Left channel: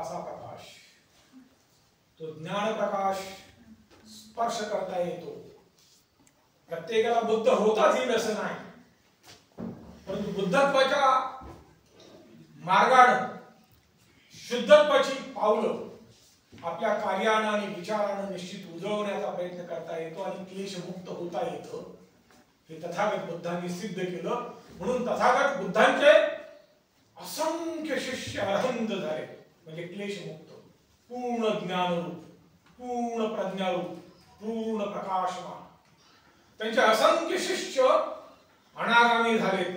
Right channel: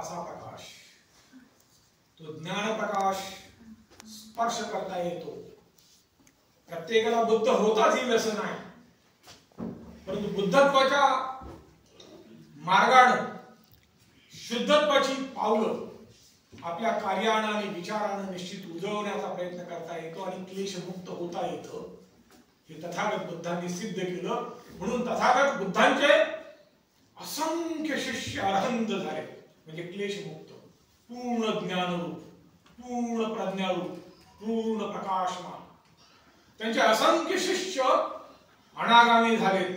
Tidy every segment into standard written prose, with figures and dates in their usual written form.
असा प्रकाश, तो ज्ञान प्रकाश स्पर्श करता येतो. प्रत्येकाला बुद्ध होताच येईल असं नाही, परंतु बुद्धत्वाच्या मार्गाने शुद्धत्वाची पावलं आपल्या कार्यानं आणि विचारानं निश्चित उजळवण्याचा प्रयत्न करता येतो आणि क्लेशमुक्त होता येतं. हे तथागत बुद्धांनी सिद्ध केलं. म्हणून तथागत बुद्धांचे असंख्य शिष्य अरहंत झाले, म्हणजे क्लेशमुक्त, पूर्ण ज्ञानरूप, पूर्ण प्रज्ञारूप, पूर्ण प्रकाशमान. त्यांचे असंख्य शिष्य अनागामी झालेत,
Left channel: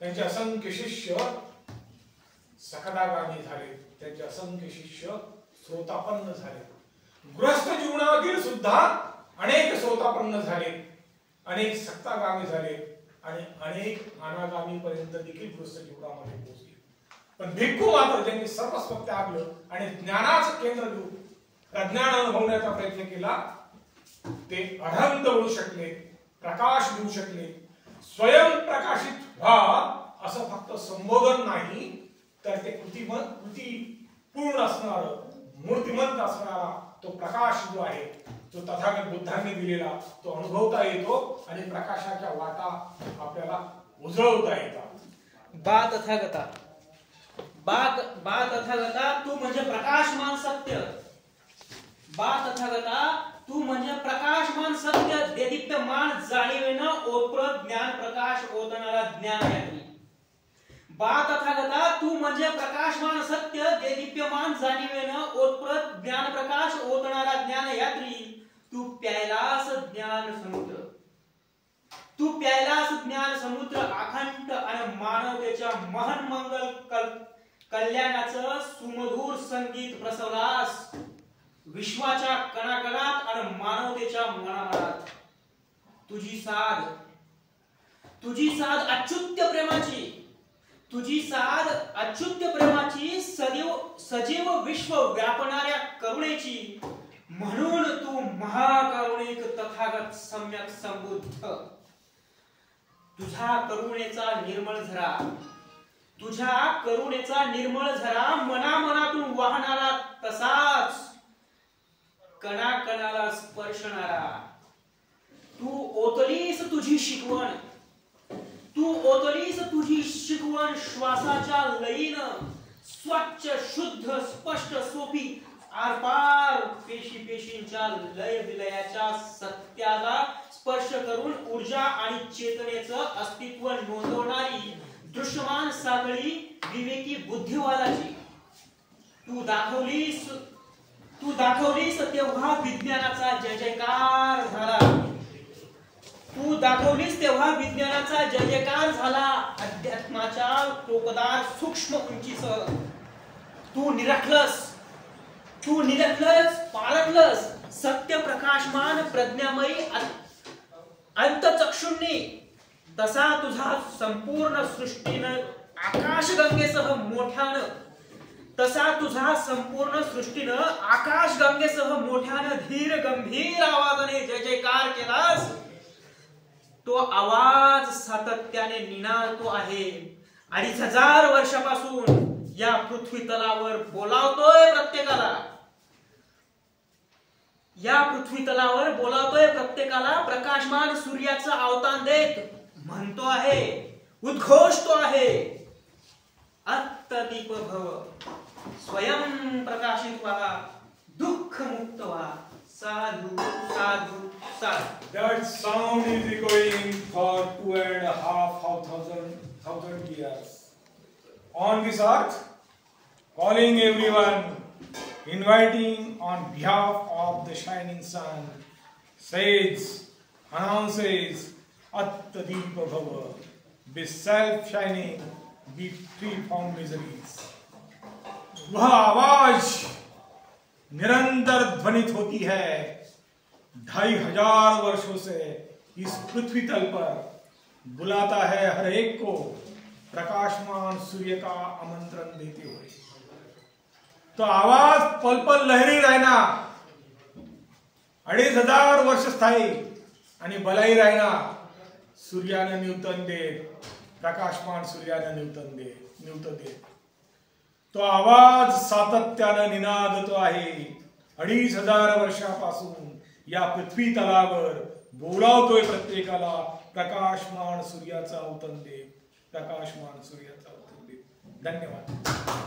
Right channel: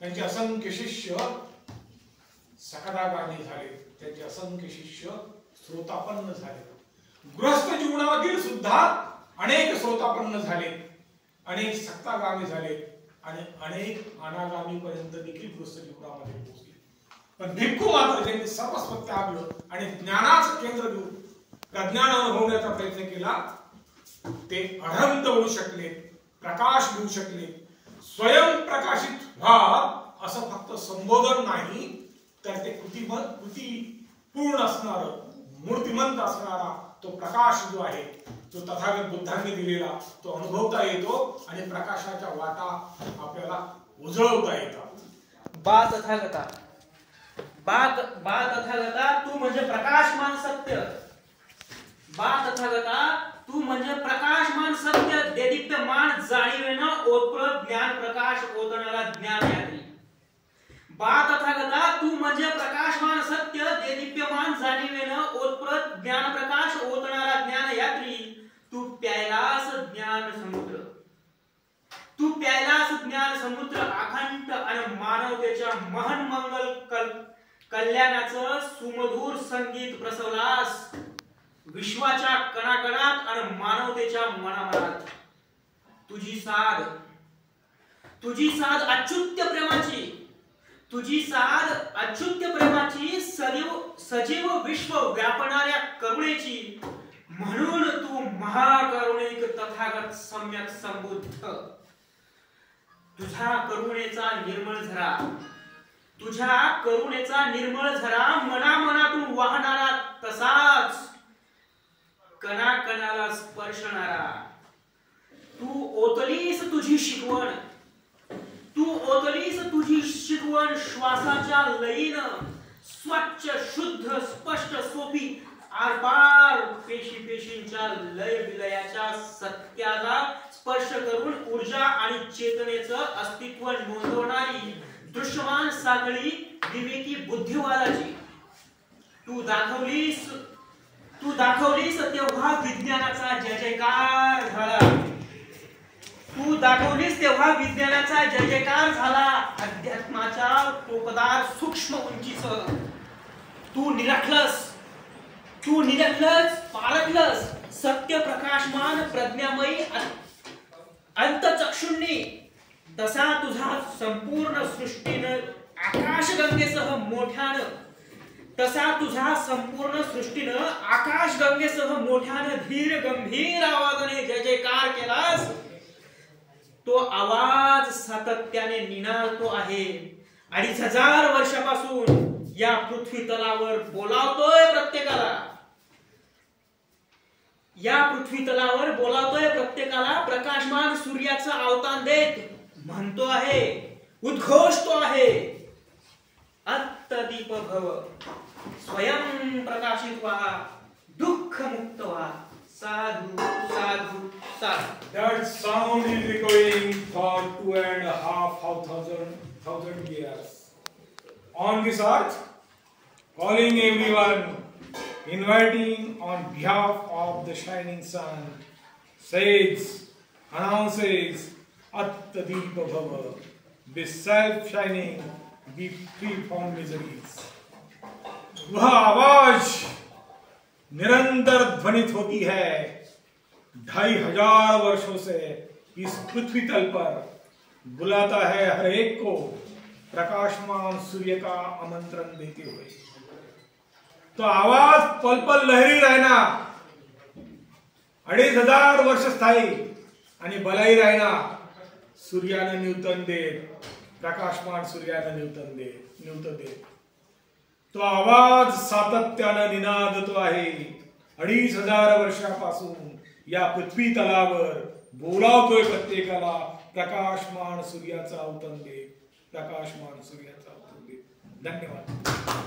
त्यांचे असंख्य शिष्य सकदागामी झालेत, त्यांचे असंख्य शिष्य श्रोतापन्न झाले. गृहस्थ जीवनातील सुद्धा अनेक श्रोतापन्न झाले, अनेक सक्तागामी झाले आणि अनेक अनागामी पर्यंत देखील गृहस्थ जीवनामध्ये पोहोचले. पण भिक्खू मात्र त्यांनी सर्वस्व त्यागलं आणि ज्ञानाचं केंद्र घेऊन प्रज्ञान अनुभवण्याचा प्रयत्न केला. ते अरहंत होऊ शकले, प्रकाश घेऊ शकले. स्वयं प्रकाशित व्हा असं फक्त संबोधन नाही, तर ते कृती पूर्ण असणार, मूर्तिमंत असणारा तो प्रकाश जो आहे तो तथागत बुद्धांनी दिलेला तो अनुभवता येतो आणि प्रकाशाच्या वाटा आपल्याला उजळवता येतात. बा तथागता, बा तथागता तू म्हणजे प्रकाशमान सत्य. बा तथागता तू म्हणजे प्रकाशमान सत्य, देदीप्यमान जाणीवेनं ओतप्रत ज्ञान प्रकाश ओतणारा ज्ञानयात्री. बा तथागता तू म्हणजे प्रकाशमान सत्य, देदीप्यमान जाणीवेनं ओतप्रत ज्ञान प्रकाश ओतणारा ज्ञानयात्री. तू प्यायलास ज्ञान समुद्र, तू प्यायलास ज्ञान समुद्र अखंड आणि मानवतेच्या महन मंगल कल्याणाचं सुमधुर संगीत प्रसवलास विश्वाच्या कणाकणात आणि मानवतेच्या मनामनात. तुझी साध अच्युत्य प्रेमाची, तुझी साध अच्युत्य प्रेमाची, सजीव विश्व व्यापणाऱ्या करुणेची. म्हणून तू महाकरुणिक तथागत सम्यक संबुद्ध. तुझ्या करुणेचा निर्मळ झरा मनामनातून वाहणारा, तसाच कणाकणाला स्पर्शणारा. तू ओतलीस तुझी शिकवण श्वासाच्या लयीनं, स्वच्छ शुद्ध स्पष्ट सोपी आरपार पेशींच्या लय विलयाच्या सत्याला स्पर्श करून ऊर्जा आणि चेतनेचं अस्तित्व नोंदवणारी दृश्यमान साखळी विवेकी बुद्धिवादाची. तू दाखवलीस तेव्हा विज्ञानाचा जय जयकार झाला. तू दाखवलीस तेव्हा विज्ञानाचा जय जयकार झाला. अध्यात्माच्या टोकदार सूक्ष्म उंचीसह तू निरखलस, पारखलस सत्य प्रकाशमान प्रज्ञामयी अंतचक्षुंनी. तसा तुझा संपूर्ण सृष्टीनं आकाशगंगेसह मोठ्यानं धीर गंभीर आवाजाने जय जयकार केलास. तो आवाज सातत्याने निनादतो आहे. 2500 वर्षापासून या पृथ्वी तलावर बोलावतोय प्रत्येकाला. प्रकाशमान सूर्याचं अवतान देत म्हणतो आहे, उद्घोषतो आहे, अत्तदीप भव, स्वयं प्रकाशित व्हा, दुःख मुक्त व्हा. साधु साधु साधु. That sound is echoing for 2,500 years on this earth, calling everyone, inviting on behalf of the shining sun, announces Attadeepa Bhava, be self-shining, be free from miseries. वह आवाज निरंतर ध्वनित होती है 2500 वर्षों से इस पृथ्वी तल पर, बुलाता है हर एक को प्रकाशमान सूर्य का आमंत्रण देते हुए. तो आवाज पल पल लहरी रहना, 2500 वर्ष स्थायी आणि बलाई रहना. सूर्याने न्यूटन देत, प्रकाशमान सूर्याने न्यूटन देत. तो आवाज सातत्यानं निनादतो आहे. 2500 वर्षापासून या पृथ्वी तलावर बोलावतोय प्रत्येकाला, प्रकाशमान सूर्याचा अवतन दे, प्रकाशमान सूर्याचा अवतन दे. धन्यवाद.